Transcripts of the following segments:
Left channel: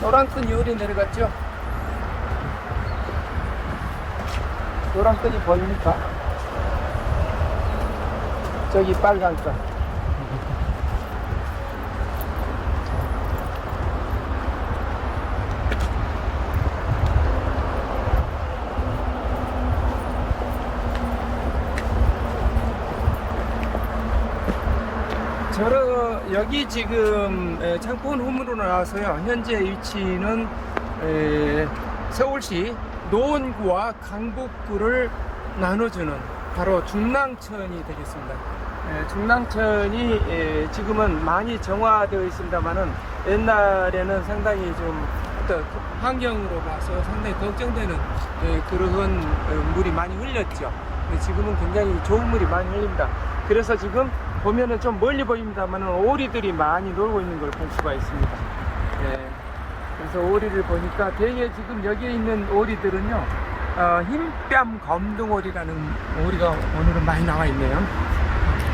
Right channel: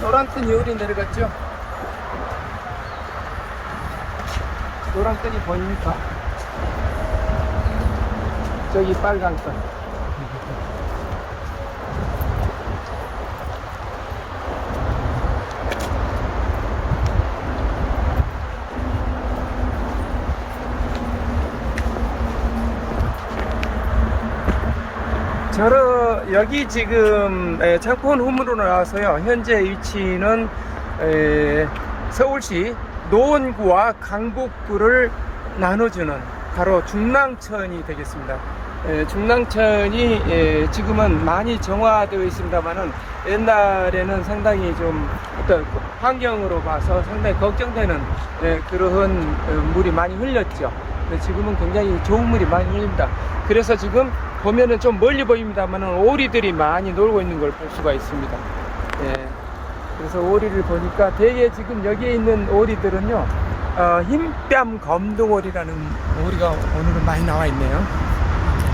노란끈이 어디 내려갔죠? 노란끈이 보입니까? 저기 빨간 끈. 여기 지금 창포원 후문으로 나와서요. 현재 위치는 서울시 노원구와 강북구를 나눠주는 바로 중랑천이 되겠습니다. 중랑천이 지금은 많이 정화되어 있습니다만은 옛날에는 상당히 좀 어떤 환경으로 봐서 상당히 걱정되는 그런 물이 많이 흘렸죠. 근데 지금은 굉장히 좋은 물이 많이 흘립니다. 그래서 지금 보면은 좀 멀리 보입니다만은 오리들이 많이 놀고 있는 걸 볼 수가 있습니다. 그래서 오리를 보니까 대개 지금 여기에 있는 오리들은요, 흰뺨 검둥오리라는 오리가 오늘은 많이 나와 있네요.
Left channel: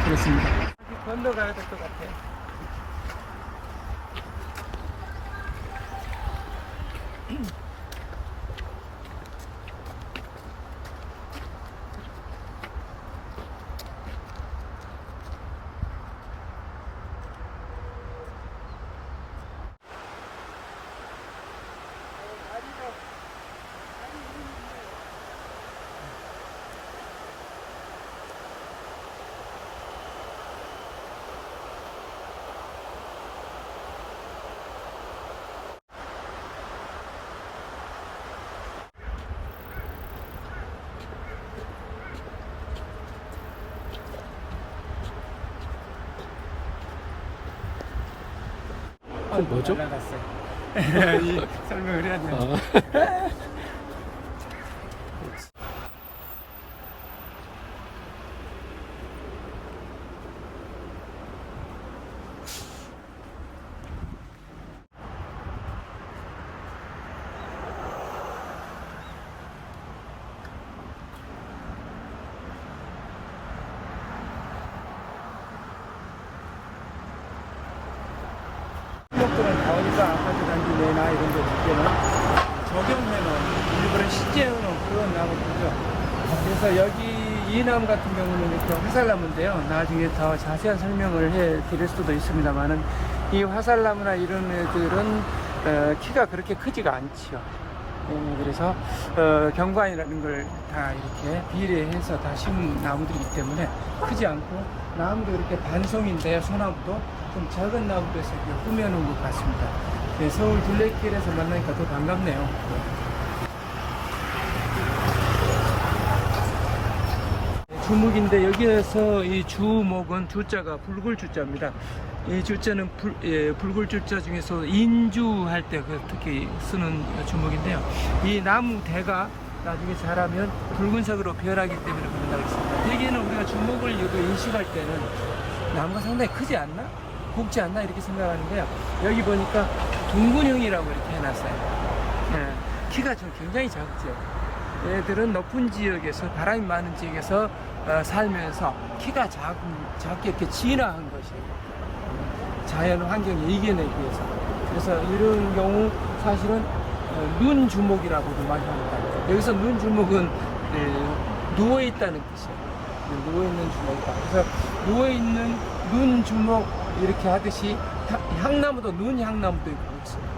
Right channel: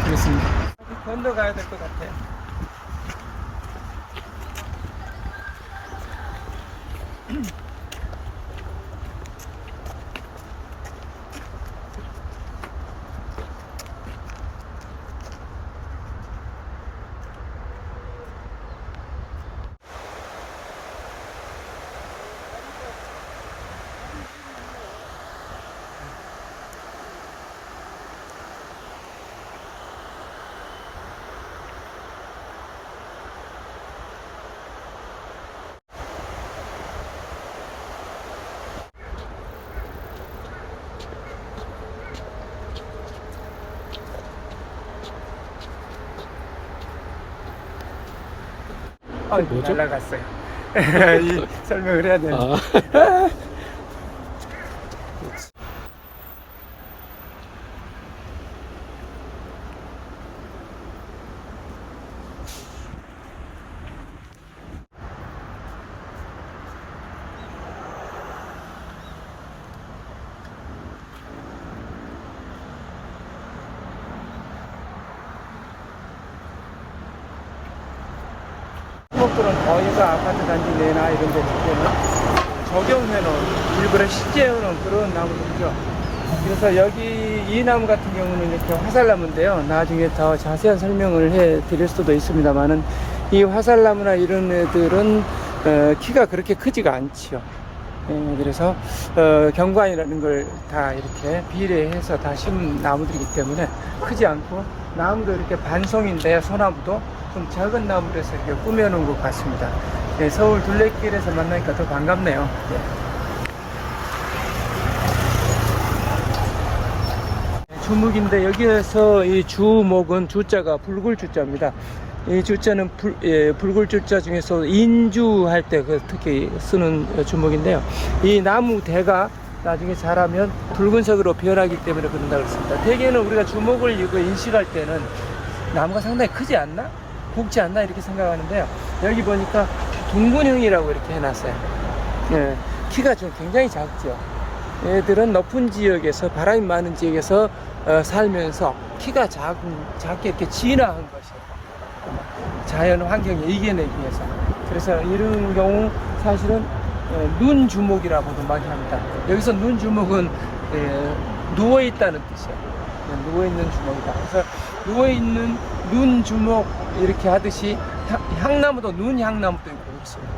그렇습니다. 아직 건너가야 될 것 같아요. 뭐죠? 날라갔어요. 설명을 해야 되는데. 주목들은 거의가 아파트 단지 내나 이런 데 두개는 적용해 놓은 일부러 시제해 놓은 그런 나무들이죠. 그래서 여기 이 나무 같은 경우는 이렇게 화살나무인데요. 나중에 더 자세한 설명을 해 드릴 수도 있습니다만은 이 화살나무나 이런 애들은 키가 그렇게 크지가 않지요. 그래서 경관이라는 걸 다 이렇게 비례해서 다 심은 나무들이기 때문에 크지 않고, 나무도 이렇게 반송인데 소나무도 좀 작은 나무에서 이렇게 꾸며놓은 것 같습니다. 서울 둘레길에서 만나니까 더 반갑네요. 주목인데 여기에서 이 주목은 주자가 붉을 주자입니다. 이 주자는 붉을 주자 중에서 인주할 때 특히 쓰는 주목인데요. 이 나무 대가 나중에 자라면 붉은색으로 변하기 때문에 그런다고 했습니다. 대개는 우리가 주목을 이거 인식할 때는 나무가 상당히 크지 않나? 굵지 않나? 이렇게 생각하는데요. 여기 보니까 둥근형이라고 이렇게 해놨어요. 키가 좀 굉장히 작죠. 얘들은 높은 지역에서, 바람이 많은 지역에서 살면서 키가 작게 이렇게 진화한 것이에요. 자연 환경에 이겨내기 위해서. 그래서 이런 경우 사실은 눈 주목이라고도 많이 합니다. 여기서 눈 주목은 누워있다는 뜻이에요. 누워있는 주목이다. 그래서 누워있는 눈 주목 이렇게 하듯이 향나무도 눈 향나무도 있고 그렇습니다.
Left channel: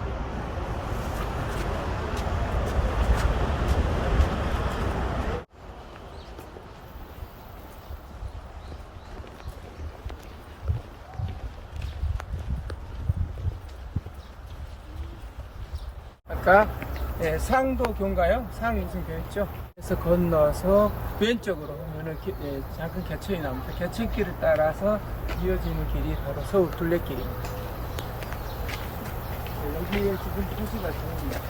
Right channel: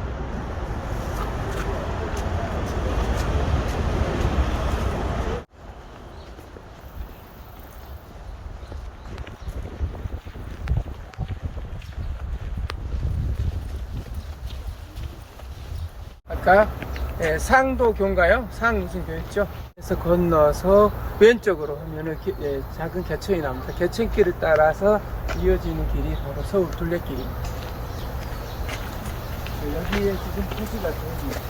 아까 상도교인가요? 상 무슨 교였죠? 그래서 건너서 왼쪽으로 하면은 작은 개천이 나옵니다. 개천길을 따라서 이어지는 길이 바로 서울 둘레길입니다. 여기에 지금 표시가 됩니다.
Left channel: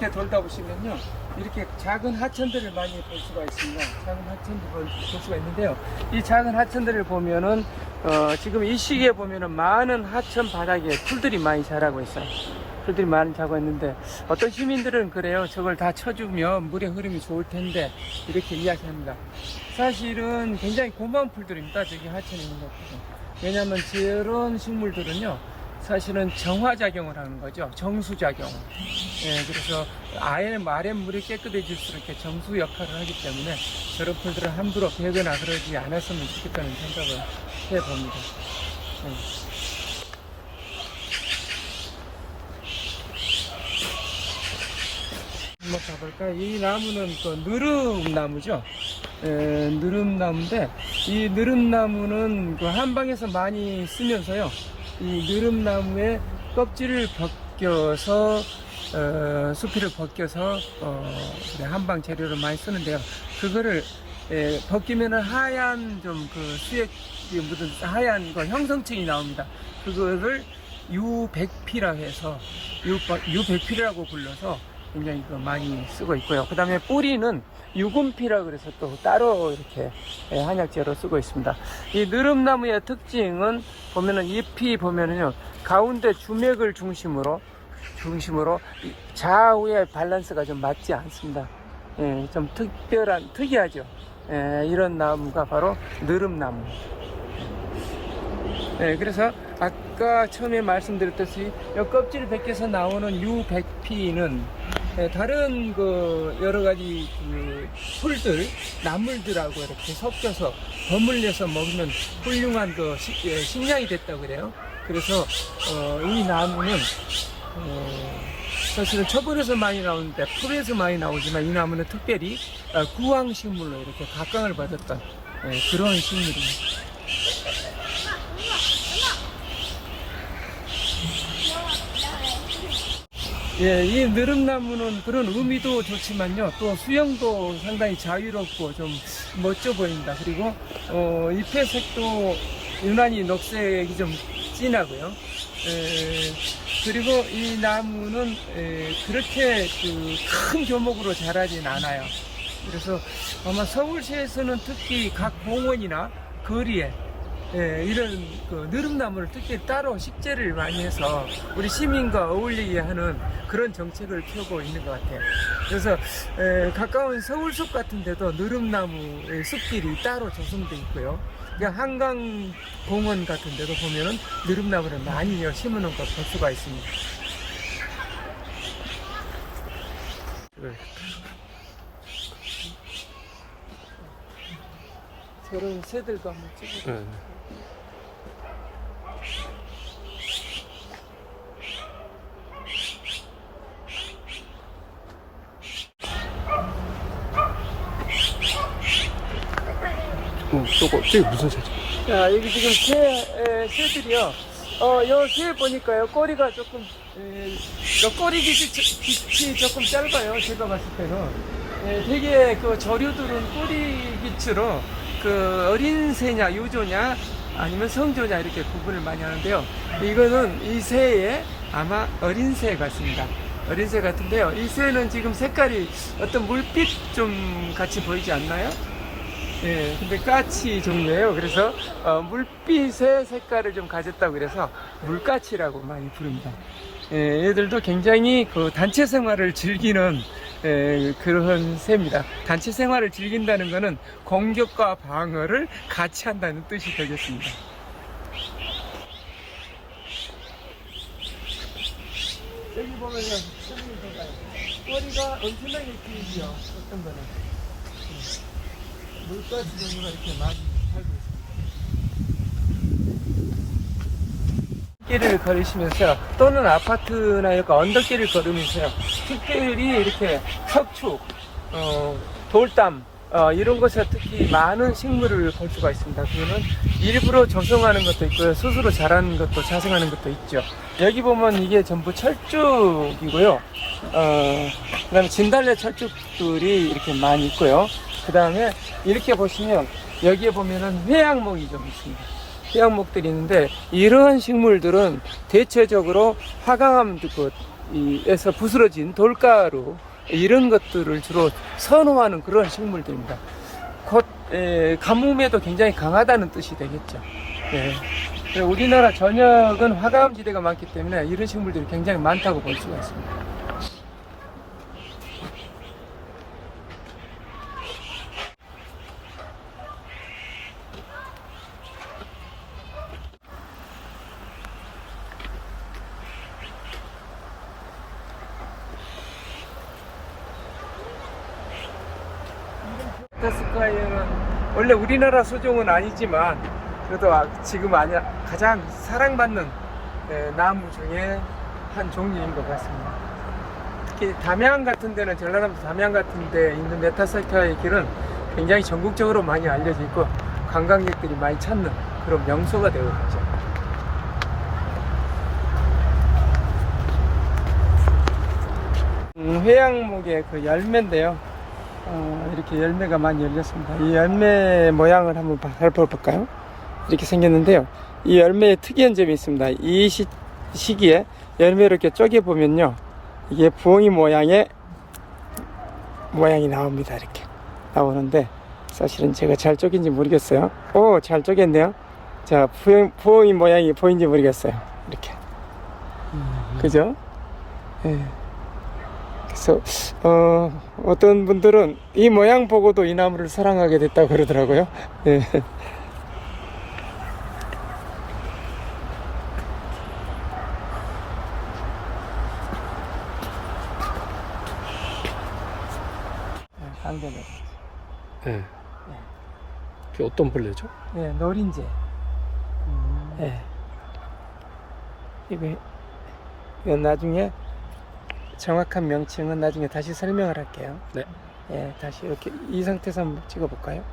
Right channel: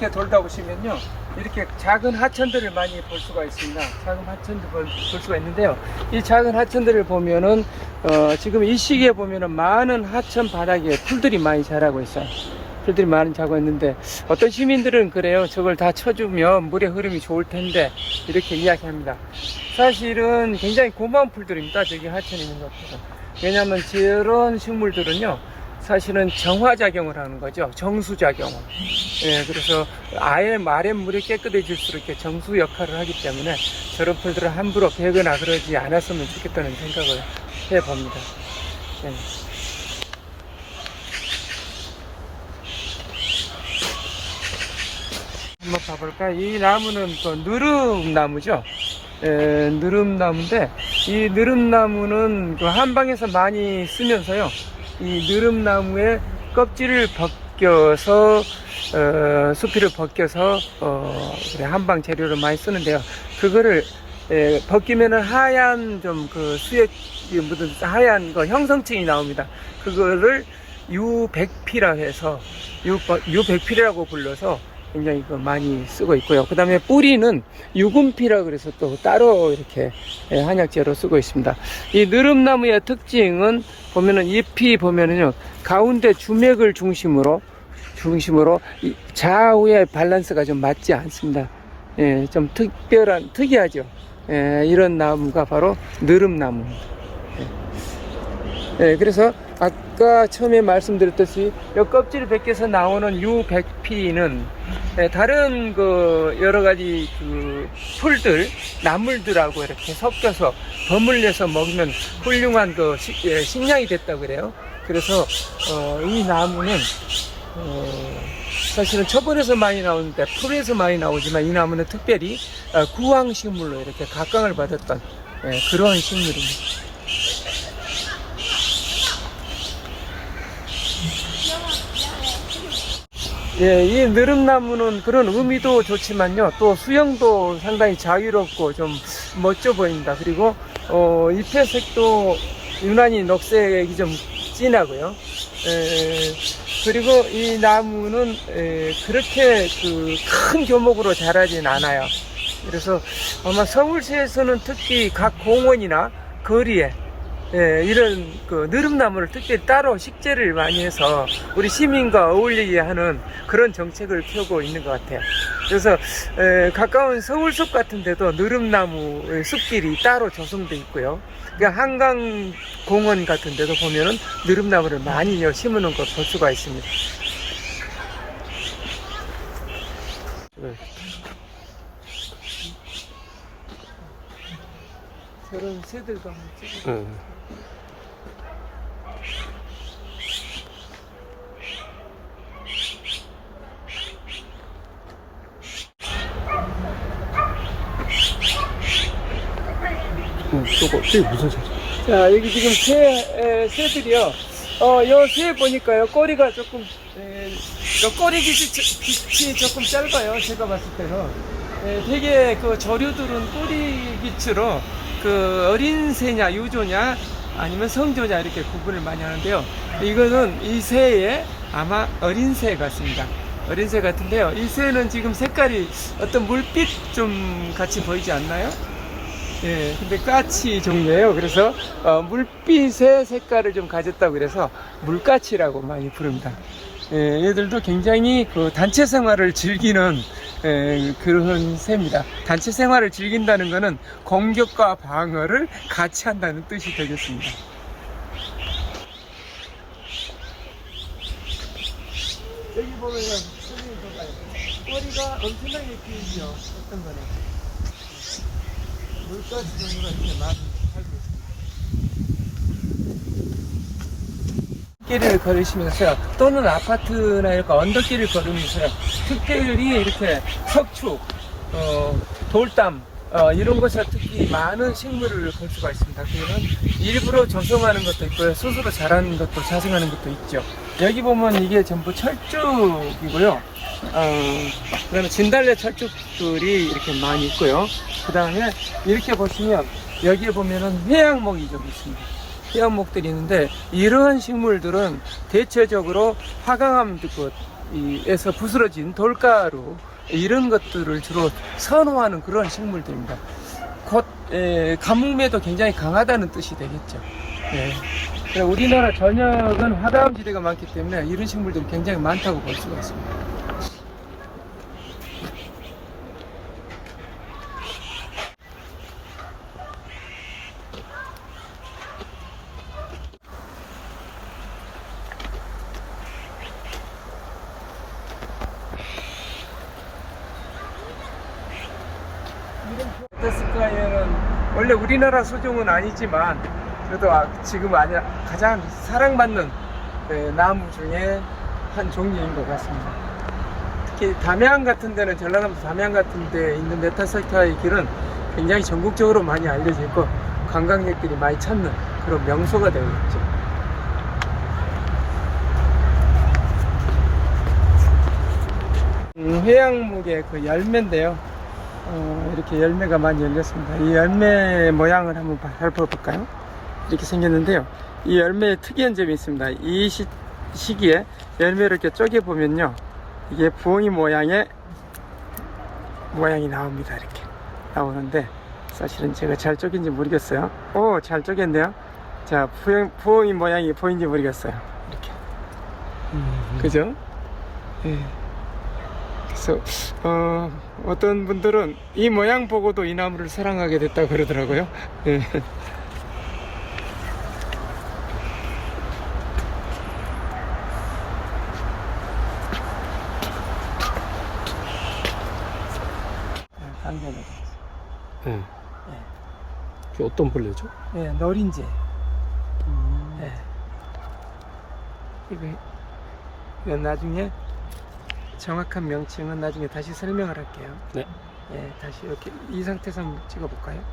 이렇게 돌다 보시면요, 이렇게 작은 하천들을 많이 볼 수가 있습니다. 작은 하천들 볼 수가 있는데요. 이 작은 하천들을 보면은 지금 이 시기에 보면은 많은 하천 바닥에 풀들이 많이 자라고 있어요. 풀들이 많이 자고 있는데 어떤 시민들은 그래요. 저걸 다 쳐주면 물의 흐름이 좋을 텐데 이렇게 이야기합니다. 사실은 굉장히 고마운 풀들입니다. 저기 하천에 있는 것들은. 왜냐하면 저런 식물들은요, 사실은 정화작용을 하는 거죠. 정수작용을. 예, 그래서 아랫물이 깨끗해질수록 이렇게 정수 역할을 하기 때문에 저런 풀들을 함부로 베거나 그러지 않았으면 좋겠다는 생각을 해봅니다. 예. 한번 봐볼까요? 이 나무는 그 느릅나무죠. 느릅나무인데, 이 느릅나무는 그 한방에서 많이 쓰면서요, 이 느릅나무의 껍질을 벗겨서 수피를 벗겨서 한방 재료로 많이 쓰는데요. 그거를 벗기면은 하얀 좀 그 수액이 묻은 하얀 거 형성층이 나옵니다. 그거를 유백피라 해서 유백피라고 불러서 굉장히 많이 쓰고 있고요. 그 다음에 뿌리는 유금피라 그래서 또 따로 이렇게 한약재로 쓰고 있습니다. 이 느릅나무의 특징은 보면은 잎이 보면은요, 가운데 주맥을 중심으로 좌우의 밸런스가 좀 맞지 않습니다. 예, 좀 특이하죠. 예, 이런 나무가 바로 느릅나무입니다. 예, 그래서 아까 처음에 말씀드렸듯이 이 껍질을 벗겨서 나오는 유백피는 다른 그 여러 가지 그 풀들, 나물들하고 이렇게 섞여서 버물려서 먹으면 훌륭한 그 식량이 됐다고 그래요. 그래서 이 나무는 사실은 초벌에서 많이 나오는데 풀에서 많이 나오지만 이 나무는 특별히 구황식물로 이렇게 각광을 받았던 그러한 식물입니다. 예, 이 느릅나무는 그런 의미도 좋지만요, 또 수영도 상당히 자유롭고 좀 멋져 보입니다. 그리고 잎의 색도 유난히 녹색이 좀 진하고요. 그리고 이 나무는 그렇게 그 큰 교목으로 자라진 않아요. 그래서 아마 서울시에서는 특히 각 공원이나 거리에 이런 그 느릅나무를 특별히 따로 식재를 많이 해서 우리 시민과 어울리게 하는 그런 정책을 펴고 있는 것 같아요. 그래서 가까운 서울숲 같은 데도 느릅나무 숲길이 따로 조성되어 있고요. 그러니까 한강공원 같은 데도 보면은 느릅나무를 많이 심어놓은 걸 볼 수가 있습니다. 저런 새들도 한번 찍어볼까요? 저게 무슨 새지? 자, 여기 지금 새들이요. 요 새 보니까요, 꼬리가 조금, 요 꼬리 빛이 조금 짧아요. 제가 봤을 때는. 되게 그 조류들은 꼬리 빛으로 그 어린 새냐, 유조냐, 아니면 성조냐 이렇게 구분을 많이 하는데요. 이거는 이 새의 아마 어린 새 같습니다. 어린 새 같은데요. 이 새는 지금 색깔이 어떤 물빛 좀 같이 보이지 않나요? 예, 근데 까치 종류예요. 그래서 물빛의 색깔을 좀 가졌다고 그래서 물까치라고 많이 부릅니다. 얘들도 굉장히 그 단체 생활을 즐기는 그런 새입니다. 단체 생활을 즐긴다는 것은 공격과 방어를 같이 한다는 뜻이 되겠습니다. 여기 보면 꼬리가 엄청나게 길죠. 어떤 거는. 물가스 종류가 이렇게 많이 살고 있습니다. 길을 걸으시면서 또는 아파트나 이렇게 언덕길을 걸으면서 특별히 이렇게 석축, 돌담 이런 곳에 특히 많은 식물을 볼 수가 있습니다. 그거는 일부러 조성하는 것도 있고요, 스스로 자라는 것도 자생하는 것도 있죠. 여기 보면 이게 전부 철쭉이고요. 그 다음에 진달래 철쭉들이 이렇게 많이 있고요. 그 다음에 이렇게 보시면 여기에 보면은 해양목이 좀 있습니다. 해양목들이 있는데 이러한 식물들은 대체적으로 화강암에서 부스러진 돌가루 이런 것들을 주로 선호하는 그런 식물들입니다. 곧 가뭄에도 굉장히 강하다는 뜻이 되겠죠. 예. 그래서 우리나라 전역은 화강암 지대가 많기 때문에 이런 식물들이 굉장히 많다고 볼 수가 있습니다. 메타세콰이어는 원래 우리나라 소종은 아니지만 그래도 지금 가장 사랑받는 나무 중에 한 종류인 것 같습니다. 특히 담양 같은 데는 전라남도 담양 같은 데 있는 메타세콰이어 길은 굉장히 전국적으로 많이 알려져 있고 관광객들이 많이 찾는 그런 명소가 되고 있죠. 회양목의 그 열매인데요. 이렇게 열매가 많이 열렸습니다. 이 열매 모양을 한번 살펴볼까요? 이렇게 생겼는데요. 이 열매의 특이한 점이 있습니다. 이 시기에 열매를 이렇게 쪼개보면요. 이게 부엉이 모양이 나옵니다. 이렇게 나오는데 사실은 제가 잘 쪼갠지 모르겠어요. 오, 잘 쪼갰네요. 자, 부엉이 모양이 보이는지 모르겠어요. 이렇게. 그죠? 네. 그래서 어떤 분들은 이 모양 보고도 이 나무를 사랑하게 됐다고 그러더라고요. 네. 강변을. 네. 그게 어떤 벌레죠? 네, 노린재. 네. 이거 나중에 정확한 명칭은 나중에 다시 설명을 할게요. 네. 예, 다시 이렇게 이 상태에서 한번 찍어볼까요?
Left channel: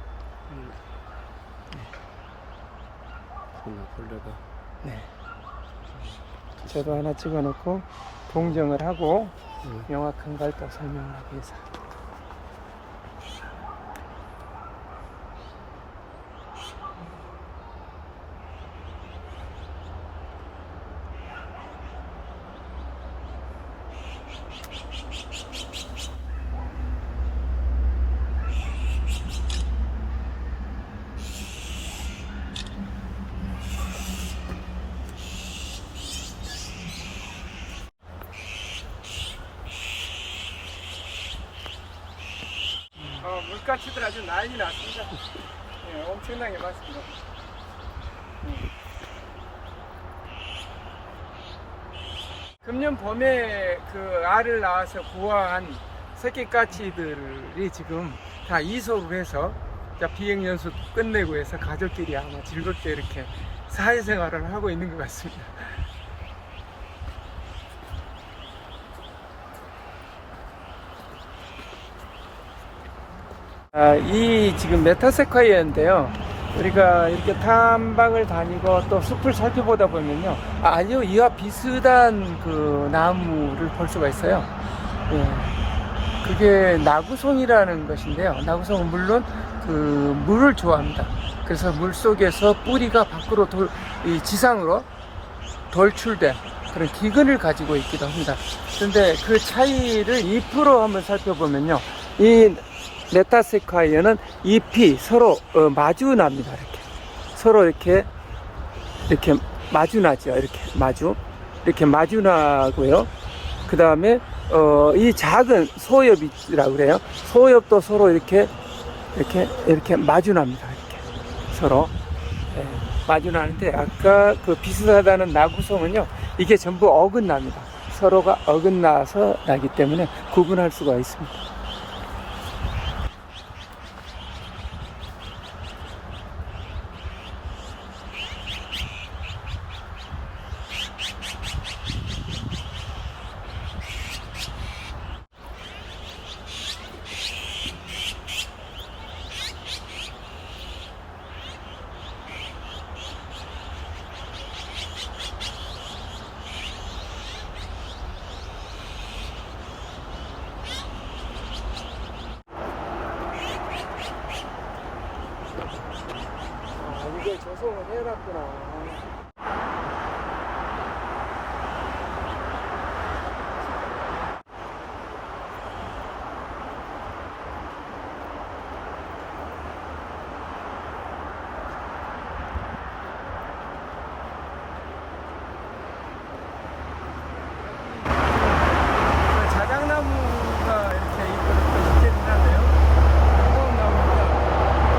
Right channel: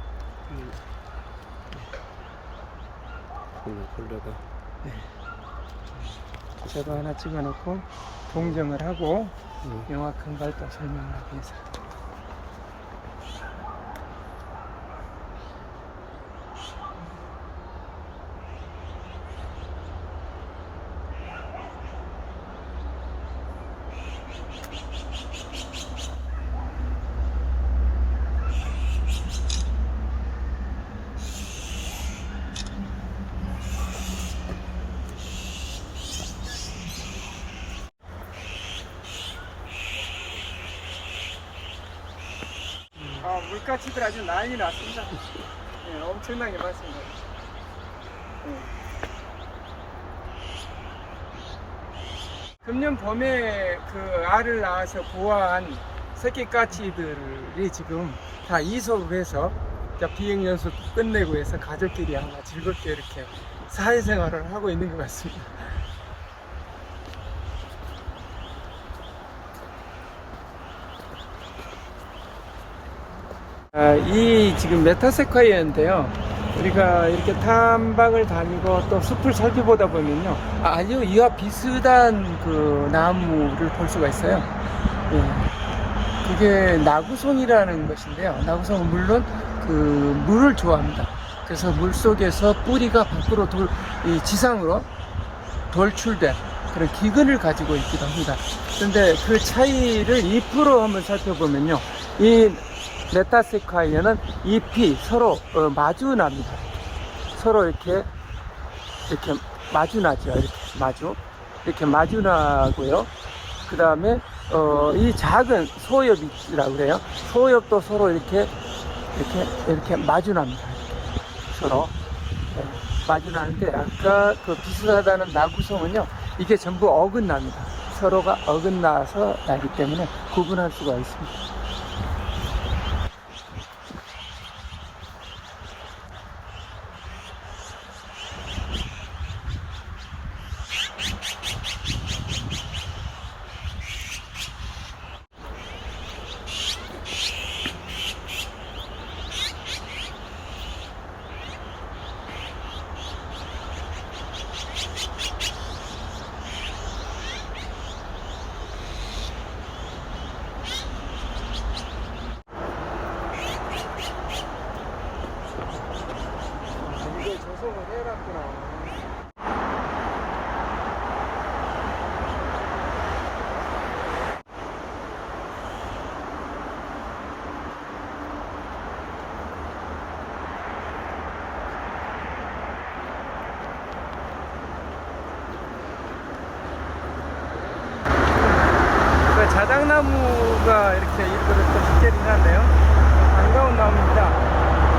그러나 벌레가. 네. 저도 하나 찍어놓고 동정을 하고 명확한 걸 또 설명을 하기 위해서. 물가치들 아주 난리 났습니다. 네, 엄청나게 많습니다. 금년 봄에 그 알을 낳아서 부화한 새끼까치들이 지금 다 이소를 해서 비행연수 끝내고 해서 가족끼리 아마 즐겁게 이렇게 사회생활을 하고 있는 것 같습니다. 이 지금 메타세콰이어인데요. 우리가 이렇게 탐방을 다니고 또 숲을 살펴보다 보면요. 아주 이와 비슷한 그 나무를 볼 수가 있어요. 예. 그게 나구송이라는 것인데요. 나구송은 물론 그 물을 좋아합니다. 그래서 물 속에서 뿌리가 밖으로 이 지상으로 돌출된 그런 기근을 가지고 있기도 합니다. 그런데 그 차이를 잎으로 한번 살펴보면요. 이 메타세콰이어는 잎이 서로 마주납니다. 서로 이렇게 마주나죠. 이렇게 마주나고요. 그 다음에 이 작은 소엽이라고 그래요. 소엽도 서로 이렇게 마주납니다. 이렇게 서로 마주나는데 아까 그 비슷하다는 나구송은요. 이게 전부 어긋납니다. 서로가 어긋나서 나기 때문에 구분할 수가 있습니다. 조성을 해놨구나. 자작나무가 이렇게 일부러 또 있기는 한데요. 반가운 나무입니다.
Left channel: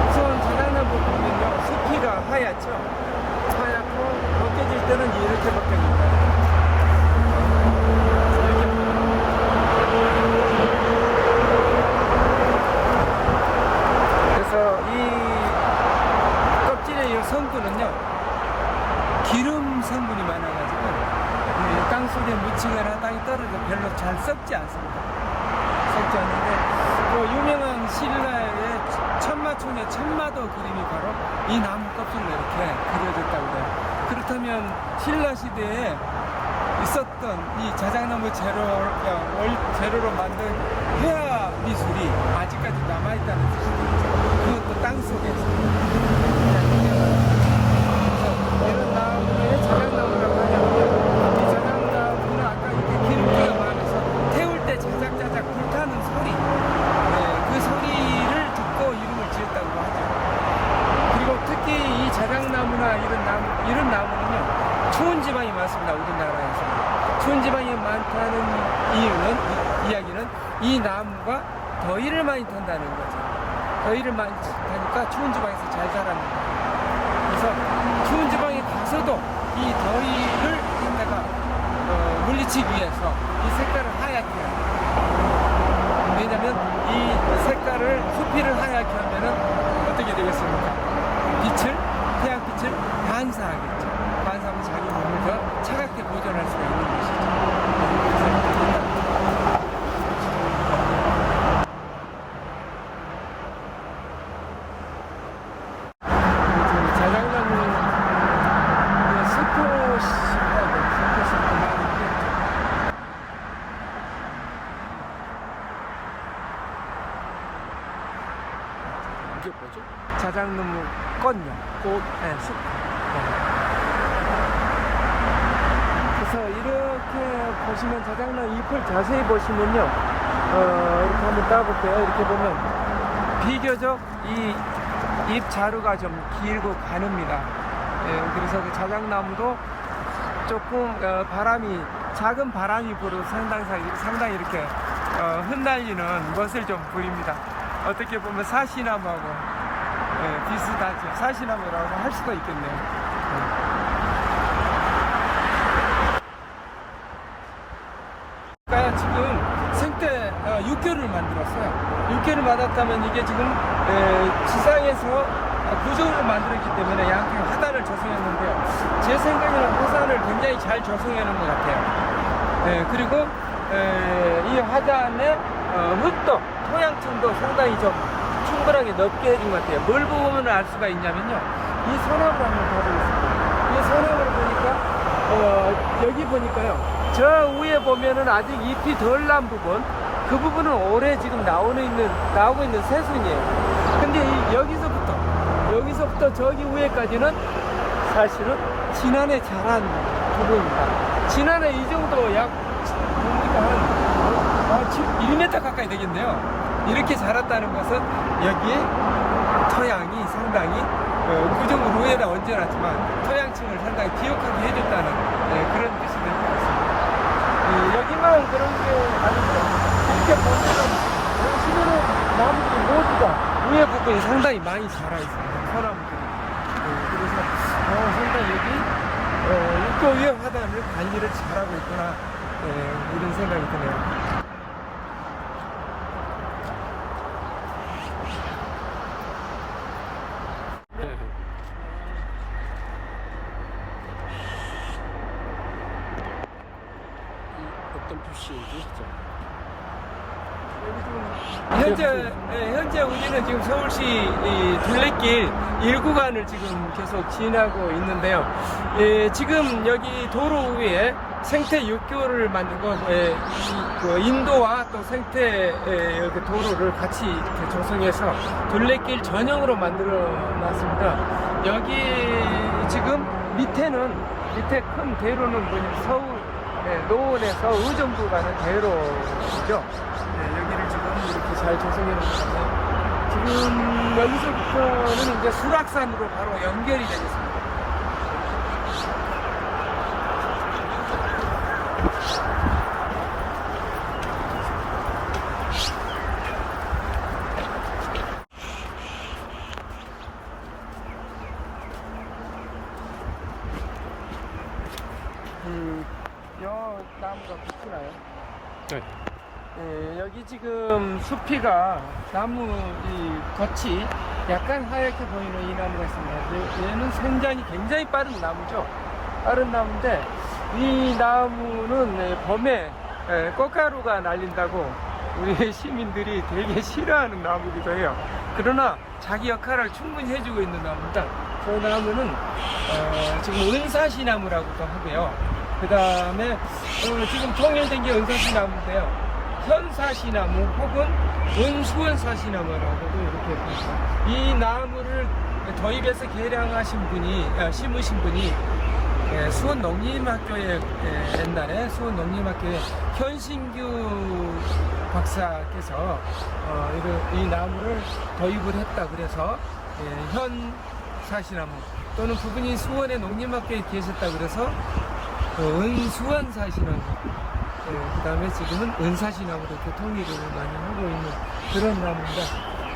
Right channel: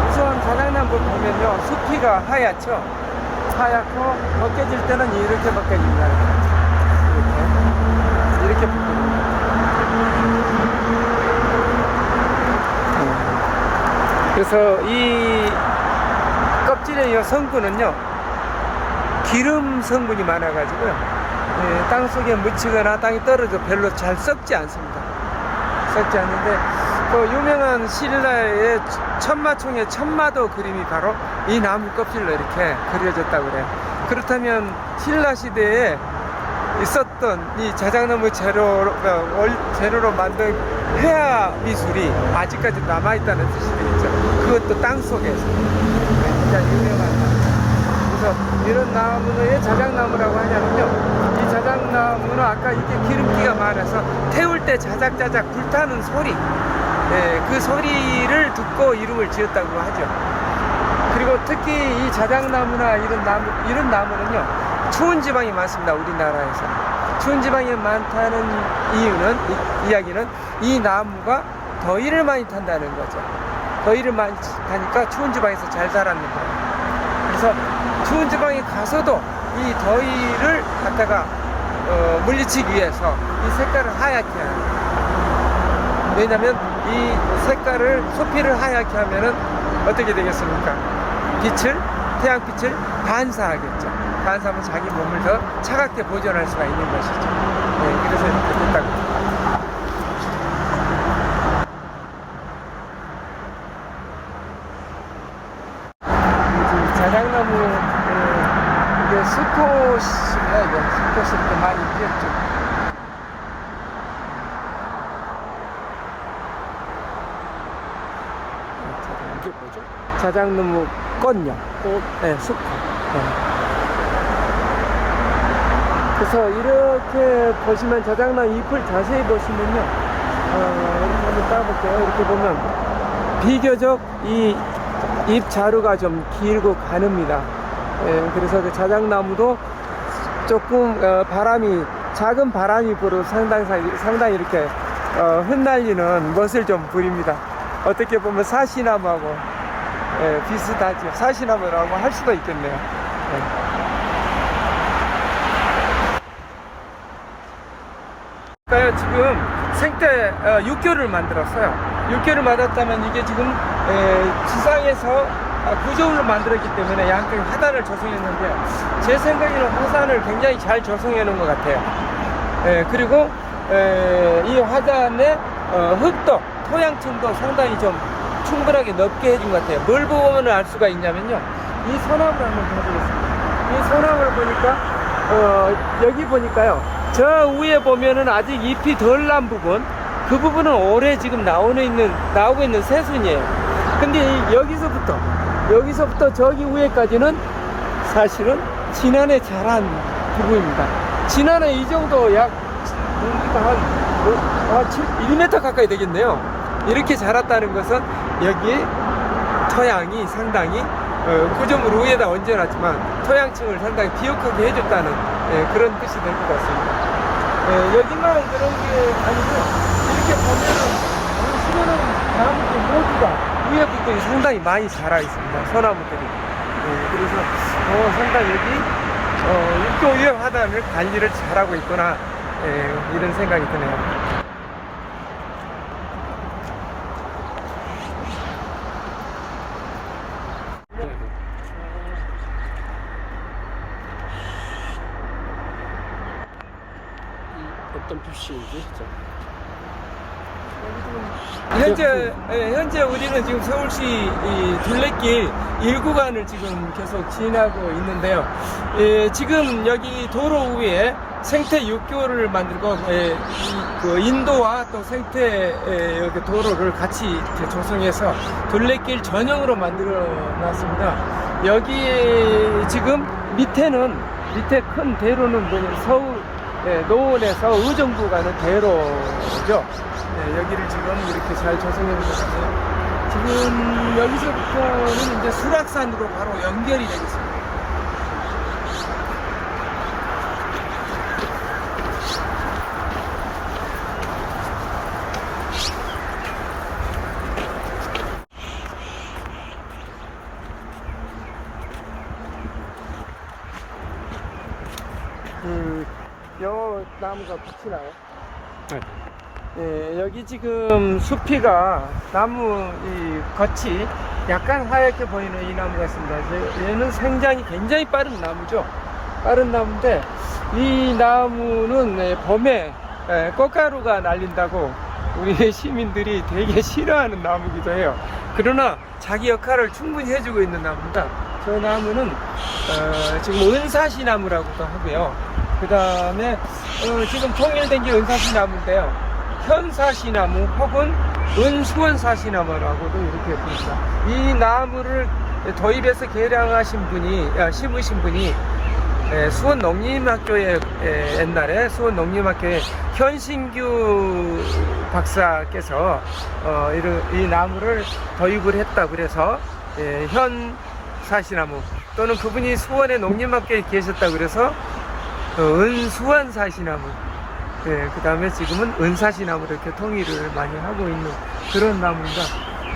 우선 자작나무 보면요, 숲이가 하얗죠. 하얗고 벗겨질 때는 이렇게 벗겨집니다. 이렇게 벗겨집니다. 그래서 이 껍질의 이 성분은요, 기름 성분이 많아가지고요. 예, 땅 속에 묻히거나 땅이 떨어져 별로 잘 썩지 않습니다. 썩지 않는데 그 유명한 신라의 천마총의 천마도 그림이 바로 이 나무 껍질로 이렇게 그려졌다고 그래요. 그렇다면 신라 시대에 있었던 이 자작나무 재료로 만든 회화 미술이 아직까지 남아있다는 뜻이 되겠죠. 그것도 땅 속에서. 네, 진짜 유명한 나무입니다. 그래서 이런 나무는 왜 자작나무라고 하냐면요, 이 자작나무는 아까 이렇게 기름기가 많아서 태울 때 자작자작 불타는 소리, 그 소리를 듣고 이름을 지었다고 하죠. 그리고 특히 이 자작나무나 이런 나무는요, 추운 지방이 많습니다. 우리나라에서는 추운 지방이 많다는 이야기는 이 나무가 더위를 많이 탄다는 거죠. 더위를 많이 타니까 추운 지방에서 잘 자랐는 거예요. 그래서 추운 지방에 가서도 이 더위를 갖다가 물리치기 위해서 이 색깔을 하얗게 해요. 왜냐하면 이 색깔을 소피를 하얗게 하면은 어떻게 되겠습니까? 태양빛을 반사하겠죠. 반사하면 자기 몸을 더 차갑게 보존할 수가 있는 것이죠. 네, 그래서 이렇게 됐다고 합니다. 자작나무, 이게 수컷입니다. 이게 수컷이 많이 있겠죠. 이게 뭐죠? 자작나무 꽃요. 꽃, 네, 수컷. 네. 그래서 이렇게 보시면 자작나무 잎을 자세히 보시면요, 이렇게 한번 따볼게요. 이렇게 보면 비교적 이 잎 자루가 좀 길고 가늡니다. 그래서 그 자작나무도 조금 작은 바람이 불어 상당히 이렇게 흩날리는 멋을 좀 부립니다. 어떻게 보면 사시나무하고 비슷하죠. 사시나무라고 할 수도 있겠네요. 지금 생태 육교를 만들었어요. 육교를 만들었다면 이게 지금 지상에서 구조물로 만들었기 때문에 양쪽에 화단을 조성했는데요. 제 생각에는 화단을 굉장히 잘 조성해 놓은 것 같아요. 그리고 이 화단의 흙도 토양층도 상당히 좀 충분하게 넓게 해준 것 같아요. 뭘 보면 알 수가 있냐면요, 이 소나무를 한번 봐보겠습니다. 이 소나무를 보니까 여기 보니까요, 저 위에 보면은 아직 잎이 덜 난 부분, 그 부분은 올해 지금 나오고 있는 새순이에요. 근데 여기서부터 저기 위에까지는 사실은 지난해 자란 부분입니다. 지난해 이 정도 약 1m 가까이 되겠네요. 이렇게 자랐다는 것은 여기에 토양이 상당히 구조물 위에다 얹어놨지만 토양층을 상당히 비옥하게 해줬다는 그런 뜻이 될 것 같습니다. 여기만 그런 게 아니고요, 이렇게 보면은 나무들 모두가 위에 부분이 상당히 많이 자라 있습니다. 소나무들이. 그래서 상당히 여기 육교 위에 화단을 관리를 잘하고 있구나, 이런 생각이 드네요. 어떤 표시인지 진짜. 여기 지금 현재 우리는 지금 서울시 둘레길 1구간을 지금 계속 지나고 있는데요. 지금 여기 도로 위에 생태 육교를 만들고 그 인도와 또 생태 여기 도로를 같이 이렇게 조성해서 둘레길 전용으로 만들어 놨습니다. 여기 지금 밑에 큰 대로는 서울 노원에서 의정부 가는 대로죠. 여기를 지금 이렇게 잘 조성해 놓은 것 같네요. 지금 여기서부터는 이제 수락산으로 바로 연결이 되겠습니다. 요 나무가 비치나요? 네. 네, 여기 지금 숲이가 나무 이 겉이 약간 하얗게 보이는 이 나무 같습니다. 얘는 생장이 굉장히 빠른 나무죠. 빠른 나무인데 이 나무는 봄에 꽃가루가 날린다고 우리 시민들이 되게 싫어하는 나무기도 해요. 그러나 자기 역할을 충분히 해주고 있는 나무입니다. 저 나무는 지금 은사시나무라고도 하고요. 그 다음에 지금 통일된 게 은사시나무인데요. 현사시나무 혹은 은수원사시나무라고도 이렇게 부릅니다. 이 나무를 도입해서 개량하신 분이 심으신 분이 수원 농림학교에 옛날에 수원 농림학교에 현신규 박사께서 이 나무를 도입을 했다 그래서 현사시나무 또는 그분이 수원의 농림학교에 계셨다 그래서 은수원사시나무 그 다음에 지금은 은사시나무로 이렇게 통일을 많이 하고 있는 그런 나무입니다.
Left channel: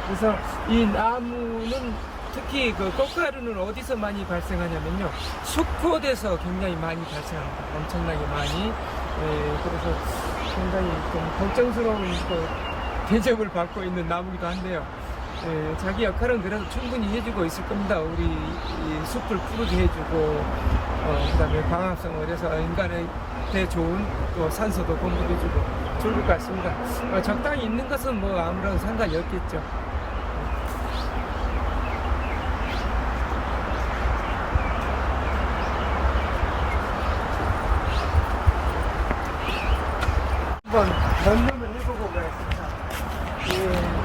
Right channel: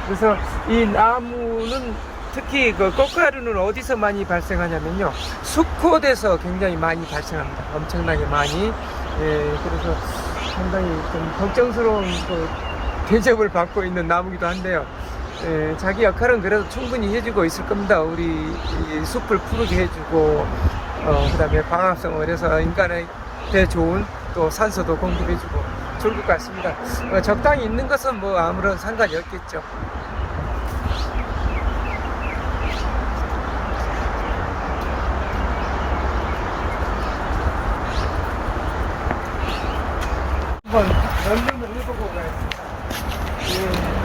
그래서 이 나무는 특히 그 꽃가루는 어디서 많이 발생하냐면요, 수컷에서 굉장히 많이 발생합니다. 엄청나게 많이. 그래서 상당히 좀 걱정스러운 그 대접을 받고 있는 나무기도 한데요. 자기 역할은 그래도 충분히 해주고 있을 겁니다. 우리 이 숲을 푸르게 해주고, 그 다음에 광합성을 해서 인간한테 좋은 또 산소도 공급해주고 좋을 것 같습니다. 적당히 있는 것은 뭐 아무런 상관이 없겠죠. 한번 점검을 해보고 가겠습니다.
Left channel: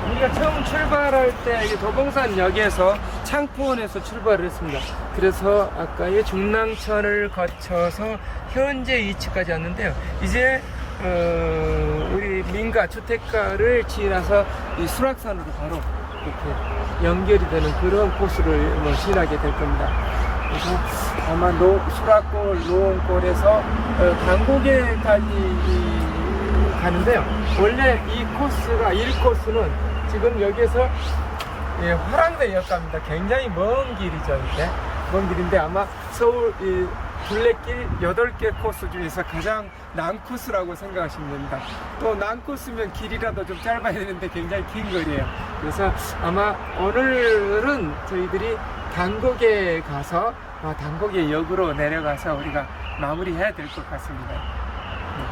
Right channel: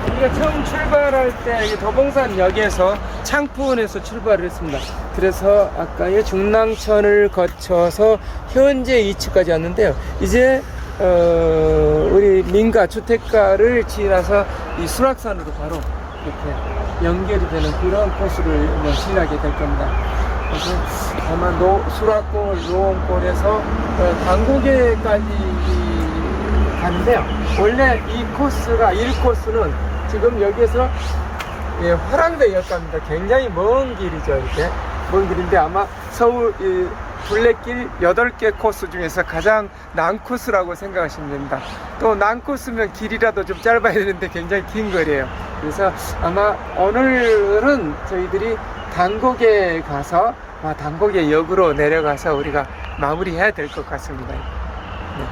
우리가 처음 출발할 때 도봉산역에서 창포원에서 출발을 했습니다. 그래서 아까의 중랑천을 거쳐서 현재 위치까지 왔는데요. 이제 우리 민가 주택가를 지나서 이 수락산으로 바로 이렇게 연결이 되는 그런 코스를 뭐 지나게 될 겁니다. 그래서 아마 수락골 노원골에서 당고개까지 가는데요. 원래 이 코스가 1코스는 지금 여기에서 화랑대역 갑니다. 굉장히 먼 길이죠. 이렇게 먼 길인데 아마 서울 이 둘레길 8개 코스 중에서 가장 난 코스라고 생각하시면 됩니다. 또 난 코스면 길이라도 좀 짧아야 되는데 굉장히 긴 거리예요. 그래서 아마 오늘은 저희들이 당고개 가서 당고개역으로 내려가서 우리가 마무리해야 될 것 같습니다. 네.